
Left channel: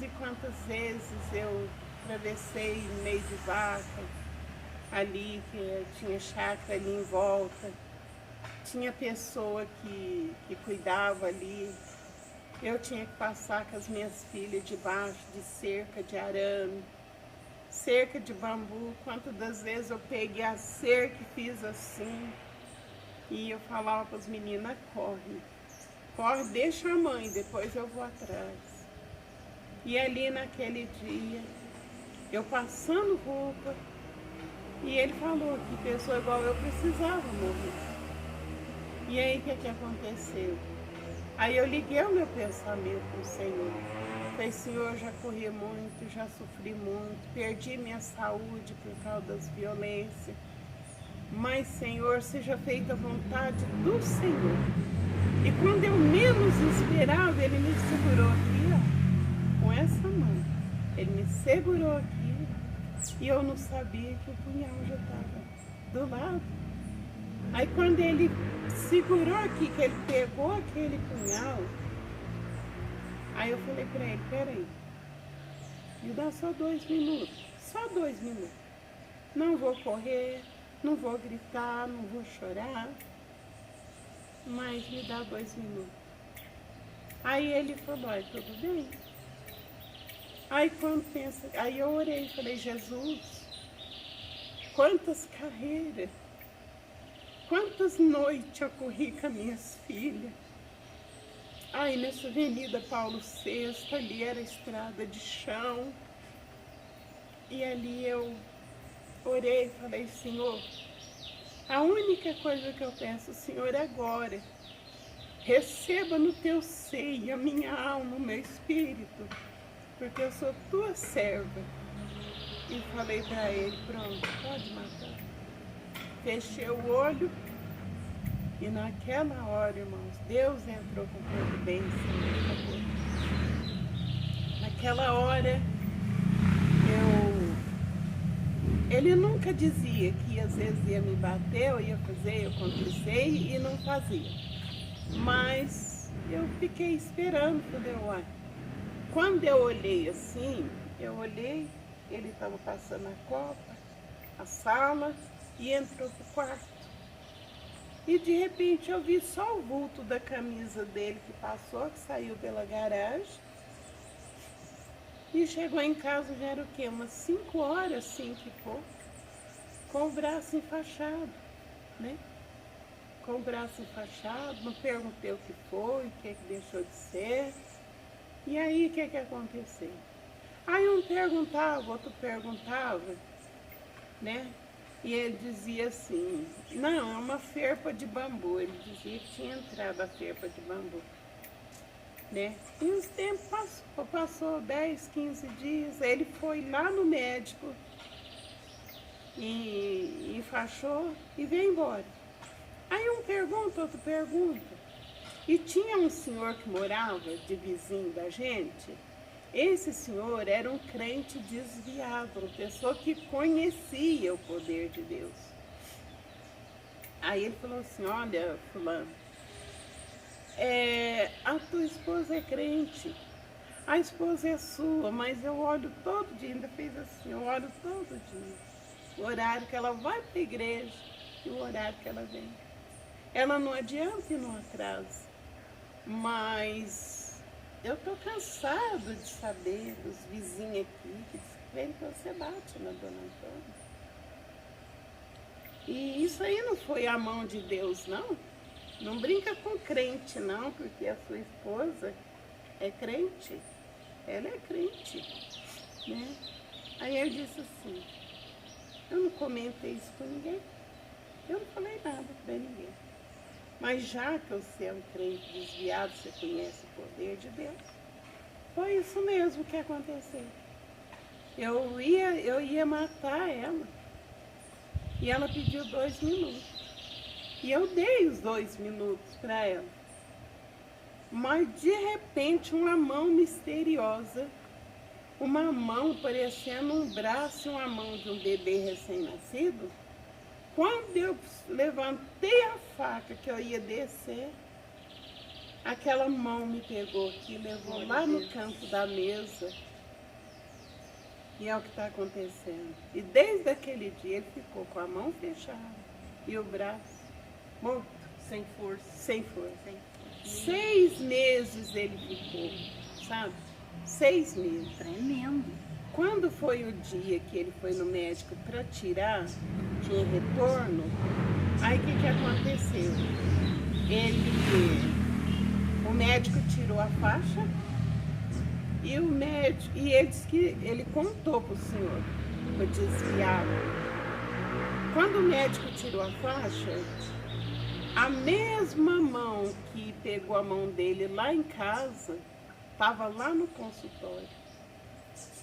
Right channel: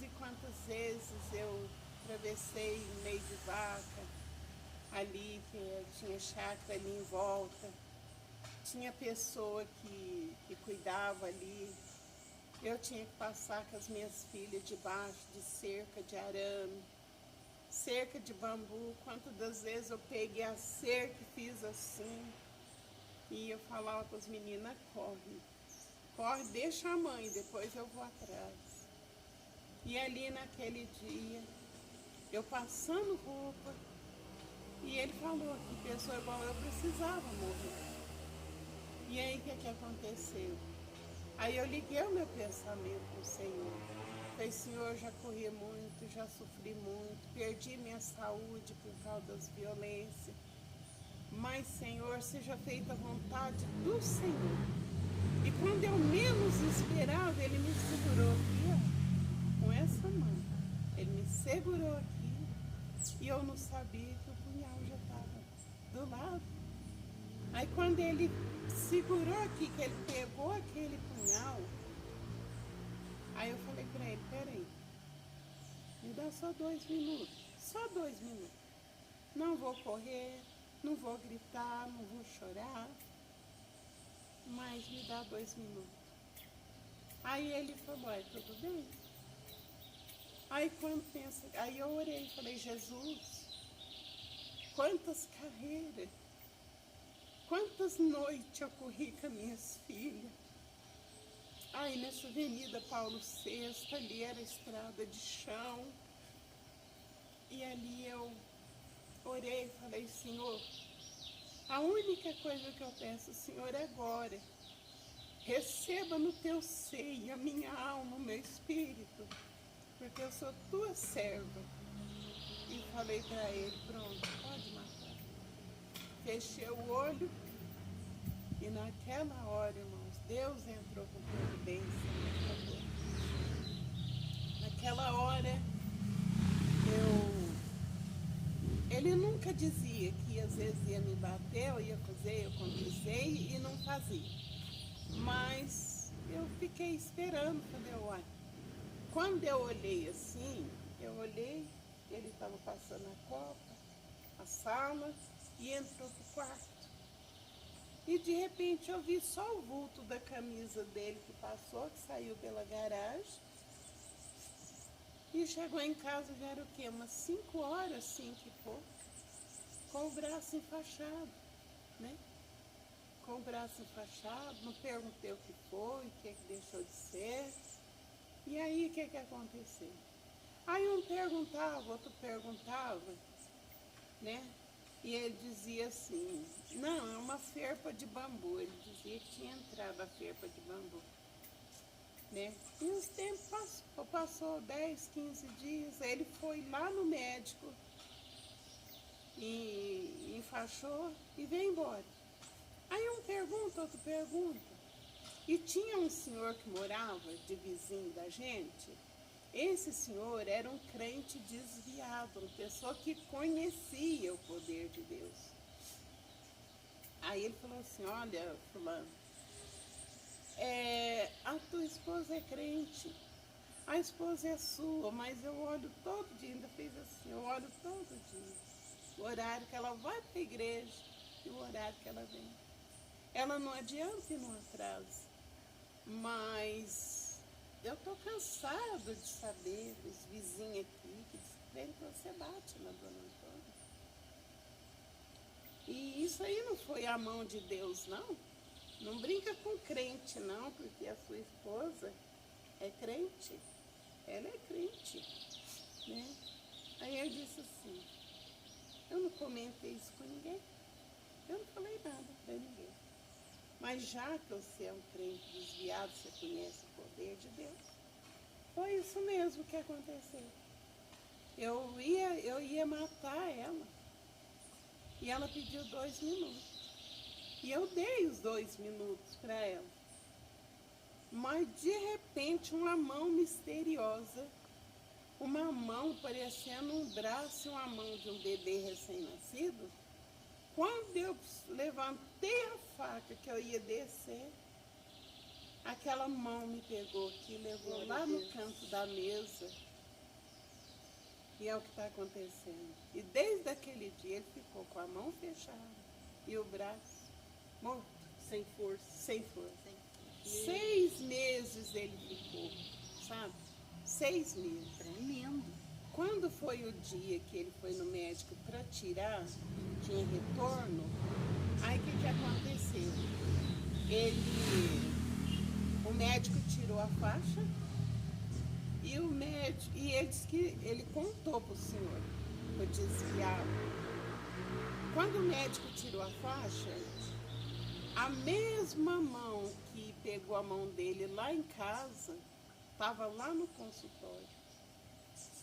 vezes eu atravessei no meio de vaca, ali, que tinha chácara ali em volta. Tinha pessoa que cuidava ali. Eu tinha que passar com as minhas filhas debaixo de cerca de arame, cerca de bambu. Quantas das vezes eu peguei a cerca e fiz assim. E eu falava para as meninas, corre, deixa a mãe, depois eu vou atrás. E ali naquele dia, eu passando roupa, e ele falou que pessoa igual eu precisava morrer. E aí o que aconteceu? Aí eu liguei o meu pensamento para o Senhor. Falei, Senhor, já corri muito, já sofri muito, perdi minha saúde por causa das violências. Mas, Senhor, seja feita a vontade do Senhor. E quando eu menos esperava, Ele me segurou aqui, ó, com essa mão. Ele me segurou aqui e eu não sabia que o punhal já estava do lado. Aí quando Ele segurou aqui, que Ele pegou aquele punhal, aí eu falei para Ele, peraí, me dá só 2 minutos, só 2 minutos. Não vou correr, não vou gritar, não vou chorar, mas me dá 2 minutos. Aí ele falou, tudo bem. Aí eu orei, falei, Jesus, quantas carreiras, quantas noites eu corri com as minhas filhas, Aí nessa Avenida Paulo VI, ali era estrada de chão. E ali eu orei e falei, Senhor, a única coisa que eu peço, Senhor, agora, receba no teu seio a minha alma, o meu espírito, porque eu sou tua serva. E falei para ele, pronto, pode matar. Fechei o olho e naquela hora, irmãos, Deus entrou com providência. Naquela hora, ele nunca dizia que às vezes ia me bater, eu ia fazer, eu acontecei e não fazia. Mas eu fiquei esperando, falei, uai. Quando eu olhei assim, ele estava passando a copa, a sala, e entrou pro quarto. E de repente eu vi só o vulto da camisa dele que passou, que saiu pela garagem. E chegou em casa, já era o quê? Umas 5 horas, 5 e pouco, com o braço enfaixado, né? Com o braço enfaixado, não perguntei o que foi, o que deixou de ser. E aí, o que aconteceu? Aí um perguntava, outro perguntava, né? E ele dizia assim, não, é uma ferpa de bambu. Ele dizia que tinha entrado a ferpa de bambu. Né? E os tempos passou 10, 15 dias, ele foi lá no médico e enfaixou e veio embora. Aí um pergunta, outro pergunta. E tinha um senhor que morava de vizinho da gente. Esse senhor era um crente desviado, uma pessoa que conhecia o poder de Deus. Aí ele falou assim, olha, fulano, a tua esposa é crente, a esposa é sua, mas eu olho todo dia, ainda fez assim, eu olho todo dia, o horário que ela vai para a igreja e o horário que ela vem. Ela não adianta e não atrasa, mas eu tô cansado de saber dos vizinhos aqui que dizem que você bate na dona Antônia. E isso aí não foi a mão de Deus, não. Não brinca com crente, não, porque a sua esposa é crente. Ela é crente, né? Aí eu disse assim, eu não comentei isso com ninguém. Eu não falei nada para ninguém. Mas já que você é um crente desviado, você conhece o poder de Deus, foi isso mesmo que aconteceu. Eu ia matar ela. E ela pediu 2 minutos. E eu dei os 2 minutos para ela. Mas de repente uma mão misteriosa, uma mão parecendo um braço e uma mão de um bebê recém-nascido, quando eu levantei a faca que eu ia descer, aquela mão me pegou aqui, levou lá no canto da mesa. E é o que está acontecendo. E desde aquele dia ele ficou com a mão fechada e o braço morto. Sem força. Sem força. 6 meses ele ficou, sabe? 6 meses. Tremendo. Quando foi o dia que ele foi no médico para tirar, tinha retorno, aí o que aconteceu? O médico tirou a faixa e ele disse que ele contou para o senhor, o desviado. Quando o médico tirou a faixa, a mesma mão que pegou a mão dele lá em casa, estava lá no consultório.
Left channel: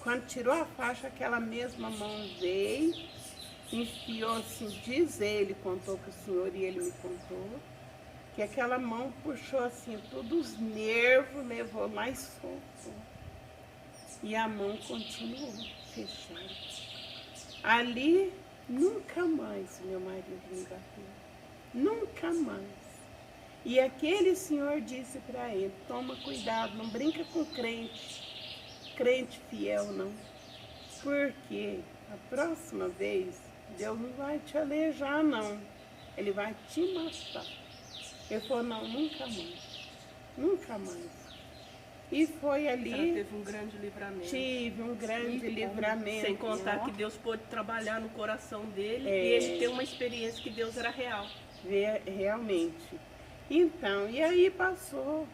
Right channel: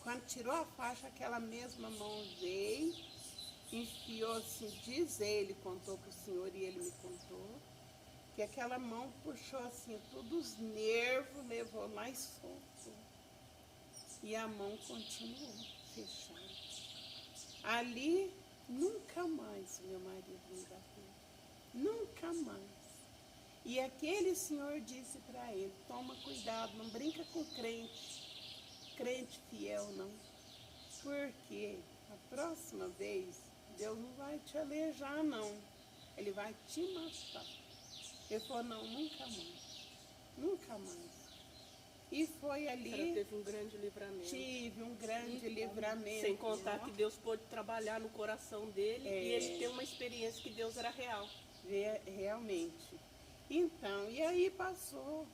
Quando tirou a faixa, aquela mesma mão veio, enfiou assim, diz ele, contou para o senhor e ele me contou, que aquela mão puxou assim, todos os nervos, levou mais solto. E a mão continuou fechada. Ali, nunca mais meu marido me bateu. Nunca mais. E aquele senhor disse para ele, toma cuidado, não brinca com crente fiel não. Porque a próxima vez, Deus não vai te alejar não. Ele vai te matar. Ele falou, não, nunca mais. Nunca mais. E foi ali. Ela teve um grande livramento. Tive um grande livramento. Sem contar que Deus pôde trabalhar no coração dele e ele ter uma experiência que Deus era real. Realmente. Então, e aí passou.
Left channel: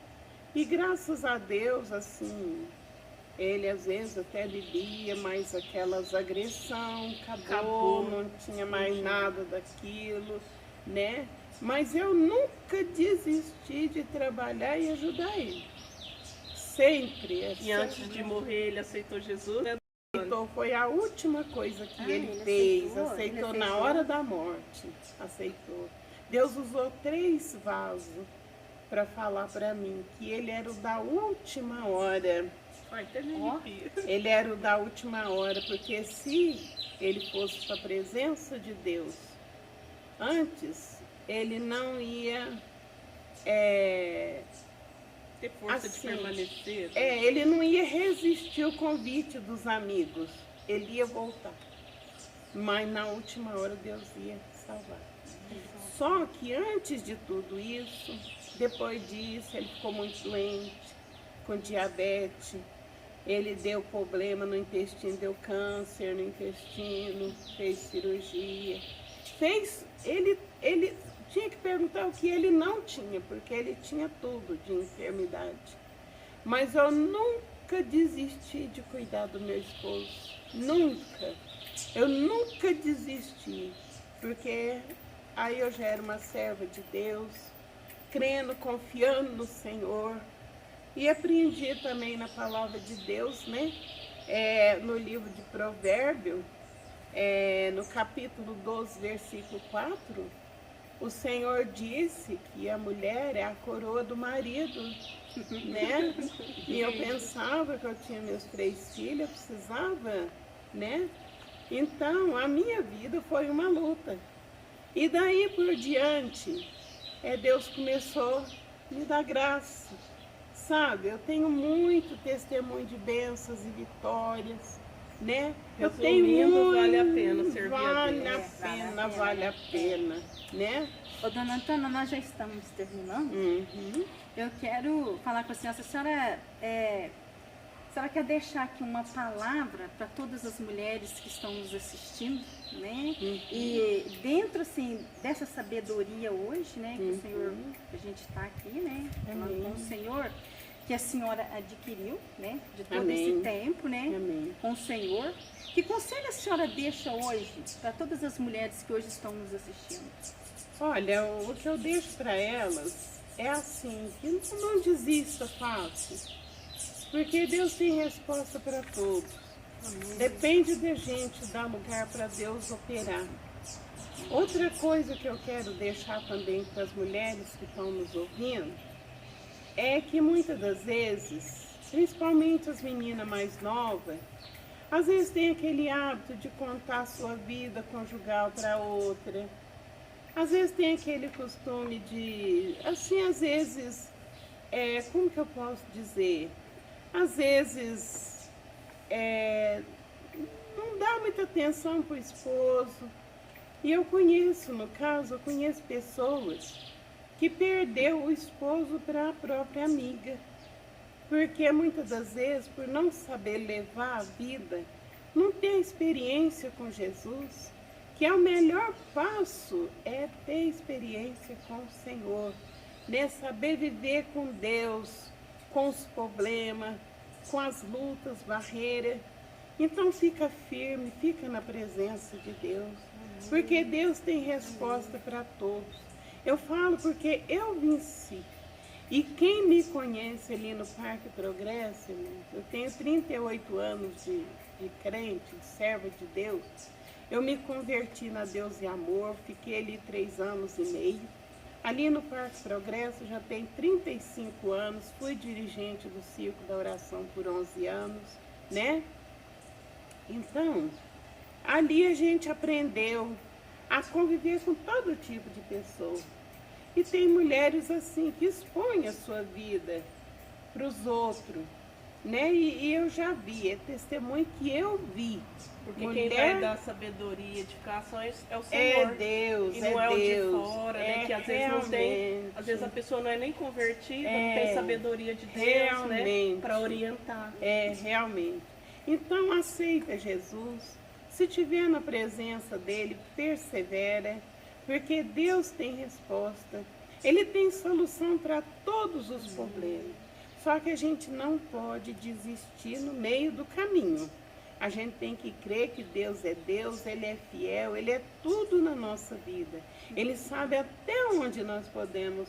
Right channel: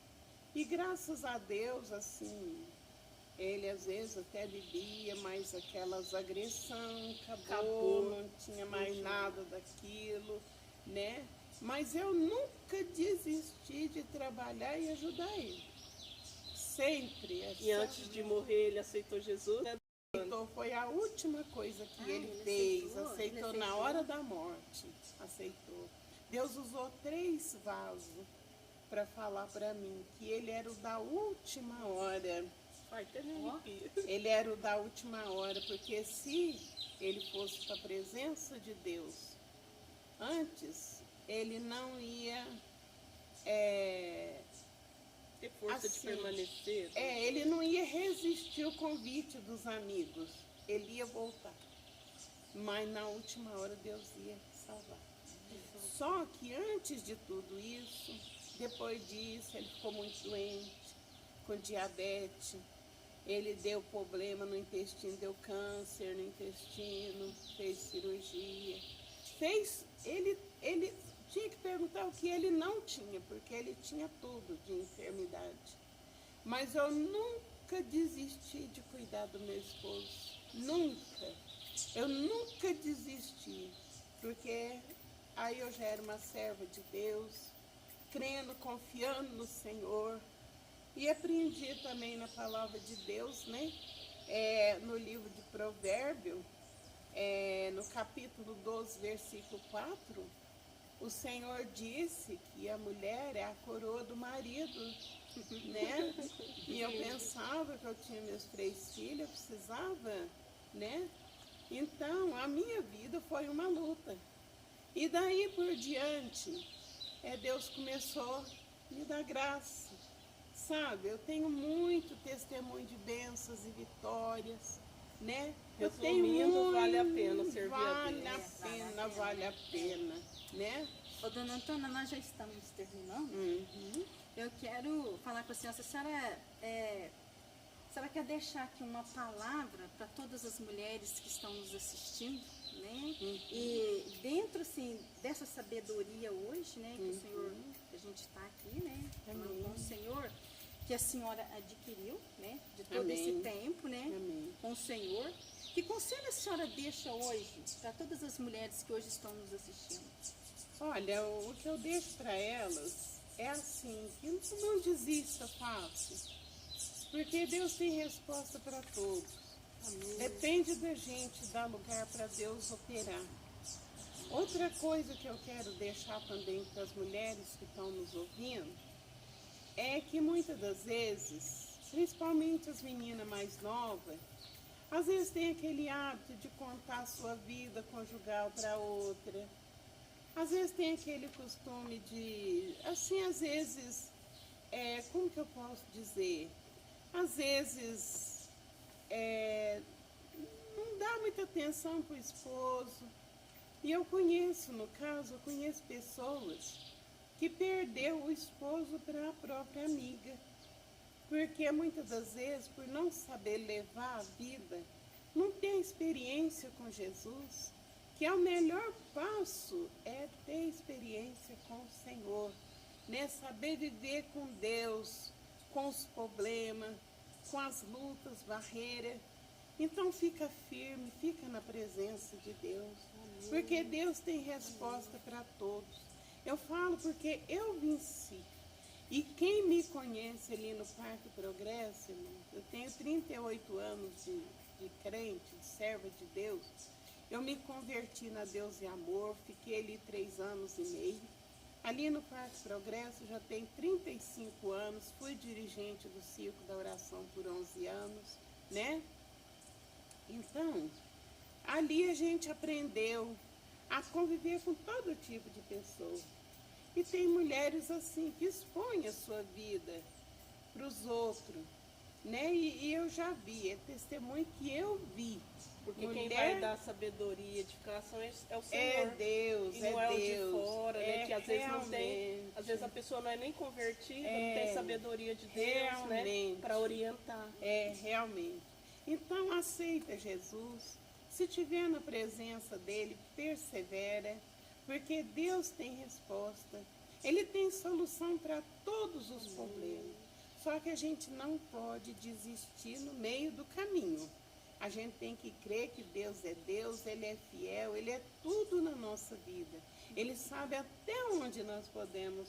E graças a Deus, assim, ele às vezes até bebia, mas aquelas agressão acabou, não tinha mais nada daquilo, né? Mas eu nunca desisti de trabalhar e ajudar ele. Sempre. E antes de morrer, ele aceitou Jesus, né? Então, foi a última coisa que ele ele fez. aceitou? Aceitou Ele na aceitou? hora da morte. Aceitou. Deus usou 3 vasos para falar para mim que ele era o da última hora. Ai, até me arrepio. Ele era o da última hora, porque se ele fosse para a presença de Deus antes, ele não ia Ter força assim, de permanecer. ele não ia resistir o convite dos amigos. Ele ia voltar. Mas na última hora Deus ia salvar. Só que antes de tudo isso, depois disso, ele ficou muito doente, com diabetes. Ele deu problema no intestino, deu câncer no intestino, fez cirurgia. Ele tinha que perguntar o que ele não tinha, porque ele tinha tudo de enfermidade. Mas eu nunca desisti de cuidar do meu esposo. Nunca. Eu nunca desisti, porque aí eu já era uma serva de Deus, crendo, confiando no Senhor. E aprendi também na palavra de Deus, né? No livro de Provérbios, no capítulo 12, versículo 4, o Senhor disse que a mulher é a coroa do marido, né? E eu pensava que eu tinha meus 3 filhos, eu precisava, né? Então, a minha vida foi uma luta. E daí por diante, Deus começou a me dar graça. Sabe, eu tenho muito testemunho de bênçãos e vitórias, né? Eu tenho muito, vale a pena servir vale a a Deus. pena, vale a pena, né? Ô, dona Antônia, nós já estamos terminando. Uhum. Eu quero falar com a senhora. A senhora quer deixar aqui uma palavra para todas as mulheres que estão nos assistindo, né? E dentro, assim, dessa sabedoria hoje, né? Que o Senhor, que a gente está aqui, né? Falando com o Senhor, que a senhora adquiriu, né? De todo esse tempo, né? Amém. Com o Senhor. Que conselho a senhora deixa hoje para todas as mulheres que hoje estão nos assistindo? Olha, o que eu deixo para elas é assim, que não desista fácil, porque Deus tem resposta para todos. Depende da gente dar lugar para Deus operar. Outra coisa que eu quero deixar também para as mulheres que estão nos ouvindo, é que muitas das vezes, principalmente as meninas mais novas, às vezes tem aquele hábito de contar a sua vida conjugal para outra. Às vezes tem aquele costume de, assim, às vezes, como que eu posso dizer? Às vezes, não dá muita atenção para o esposo. E eu conheço, no caso, eu conheço pessoas que perdeu o esposo para a própria amiga. Porque muitas das vezes, por não saber levar a vida, não ter experiência com Jesus, que é o melhor passo, é ter experiência com o Senhor, né? Saber viver com Deus, com os problemas, com as lutas, barreiras. Então fica firme, fica na presença de Deus, porque Deus tem resposta para todos. Eu falo porque eu venci. E quem me conhece ali no Parque Progresso, eu tenho 38 anos de crente, de serva de Deus. Eu me converti na Deus e Amor, fiquei ali 3 anos e meio. Ali no Parque Progresso já tenho 35 anos, fui dirigente do Círculo da Oração por 11 anos, né? Então, ali a gente aprendeu a conviver com todo tipo de pessoa. E tem mulheres assim que expõem a sua vida para os outros, né? E eu já vi, é testemunho que eu vi. Porque mulher, quem vai dar sabedoria e edificações é o Senhor. É Deus, e não é o Deus, de fora, né? Que às vezes não tem. Às vezes a pessoa não é nem convertida, não tem sabedoria de Deus, né? Para orientar. Realmente. Então aceita Jesus. Se tiver na presença dele, persevera, porque Deus tem resposta. Ele tem solução para todos os problemas. Só que a gente não pode desistir no meio do caminho. A gente tem que crer que Deus, Ele é fiel, Ele é tudo na nossa vida. Ele sabe até onde nós podemos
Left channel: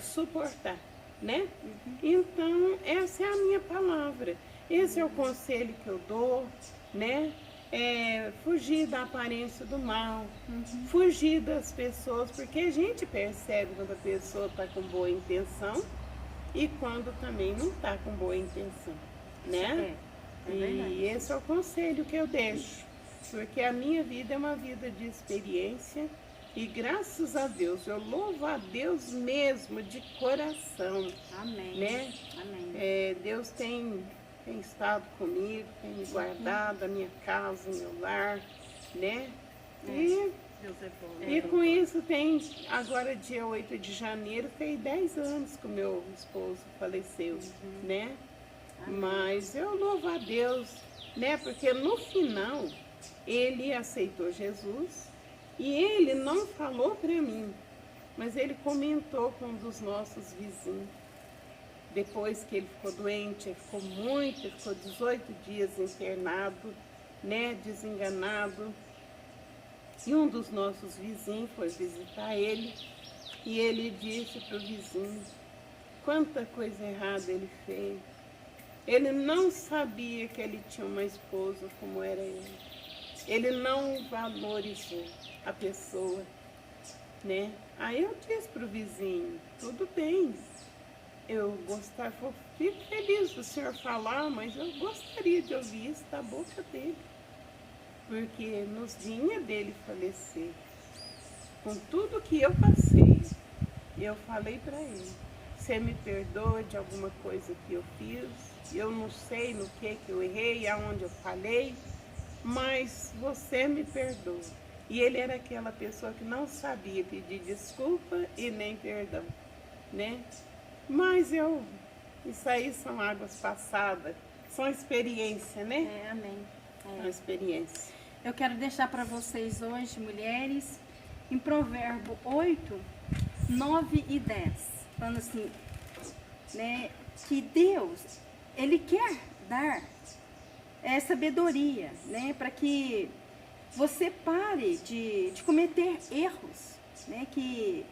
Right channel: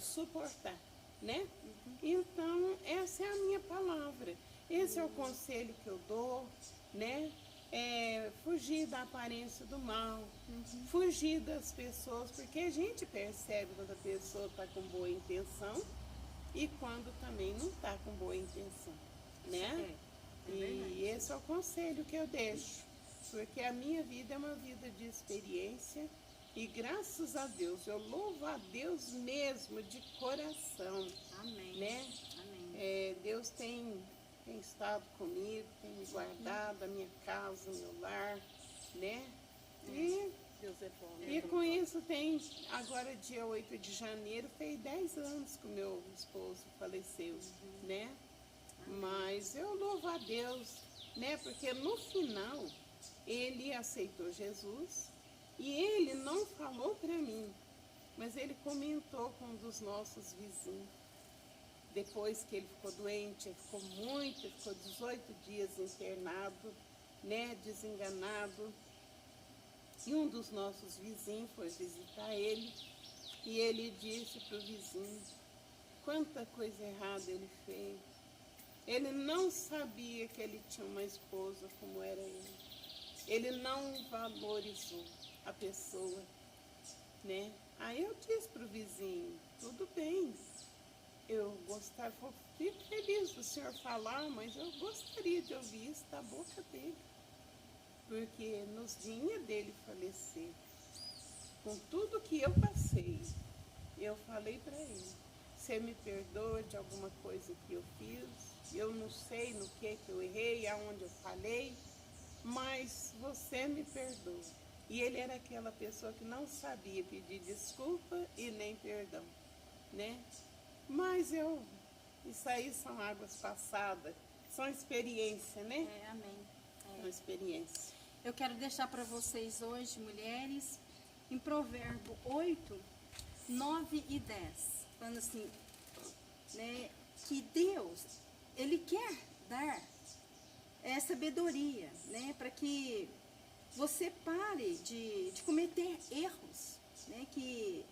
suportar, né? Então, essa é a minha palavra. Esse é o conselho que eu dou, né? Fugir da aparência do mal, fugir das pessoas, porque a gente percebe quando a pessoa está com boa intenção e quando também não está com boa intenção, né? E esse é o conselho que eu deixo, porque a minha vida é uma vida de experiência e graças a Deus, eu louvo a Deus mesmo de coração. Amém. Né? Amém. Deus tem estado comigo, tem me guardado a minha casa, o meu lar, né? Deus é bom. E com isso tem, agora dia 8 de janeiro, tem 10 anos que o meu esposo faleceu, né? Mas eu louvo a Deus, né? Porque no final ele aceitou Jesus e ele não falou para mim, mas ele comentou com um dos nossos vizinhos. Depois que ele ficou doente, ele ficou 18 dias internado, né? Desenganado. E um dos nossos vizinhos foi visitar ele e ele disse para o vizinho quanta coisa errada ele fez. Ele não sabia que ele tinha uma esposa como era ele. Ele não valorizou a pessoa, né? Aí eu disse para o vizinho, tudo bem, fico feliz do senhor falar, mas eu gostaria de ouvir isso da boca dele. Porque nos vinha dele falecer. Com tudo que eu passei, eu falei para ele, você me perdoa de alguma coisa que eu fiz, eu não sei no que eu errei, aonde eu falhei, mas você me perdoa. E ele era aquela pessoa que não sabia pedir desculpa e nem perdão, né? Mas isso aí são águas passadas, são experiência, né? Amém. São experiência. Eu quero deixar para vocês hoje, mulheres, em Provérbio 8, 9 e 10, falando assim, né, que Deus, Ele quer dar sabedoria, né, para que você pare de cometer erros, né, que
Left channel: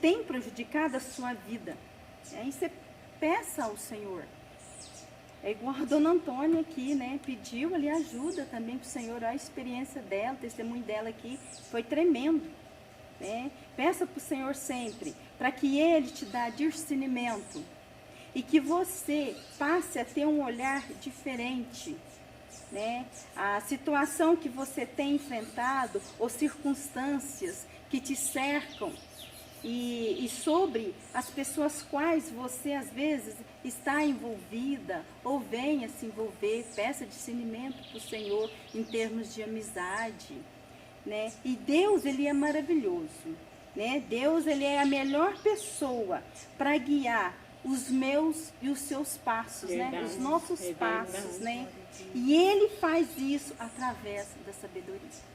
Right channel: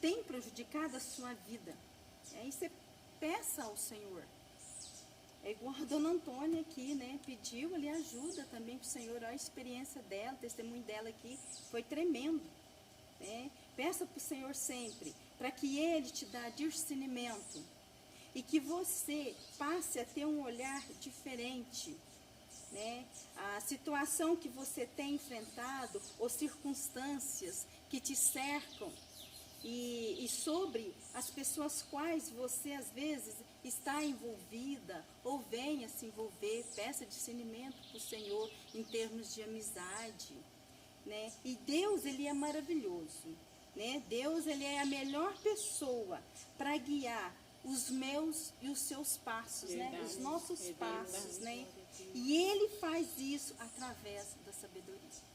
tem prejudicado a sua vida. Aí você peça ao Senhor. É igual a dona Antônia aqui, né? Pediu ali ajuda também para o Senhor. A experiência dela, o testemunho dela aqui foi tremendo, né? Peça para o Senhor sempre, para que Ele te dê discernimento e que você passe a ter um olhar diferente, né? A situação que você tem enfrentado ou circunstâncias que te cercam e sobre as pessoas quais você às vezes está envolvida ou venha se envolver, peça discernimento para o Senhor em termos de amizade, né? E Deus, Ele é maravilhoso, né? Deus, Ele é a melhor pessoa para guiar os meus e os seus passos, Verdade, né? Os nossos é passos, verdade. né? E Ele faz isso através da sabedoria.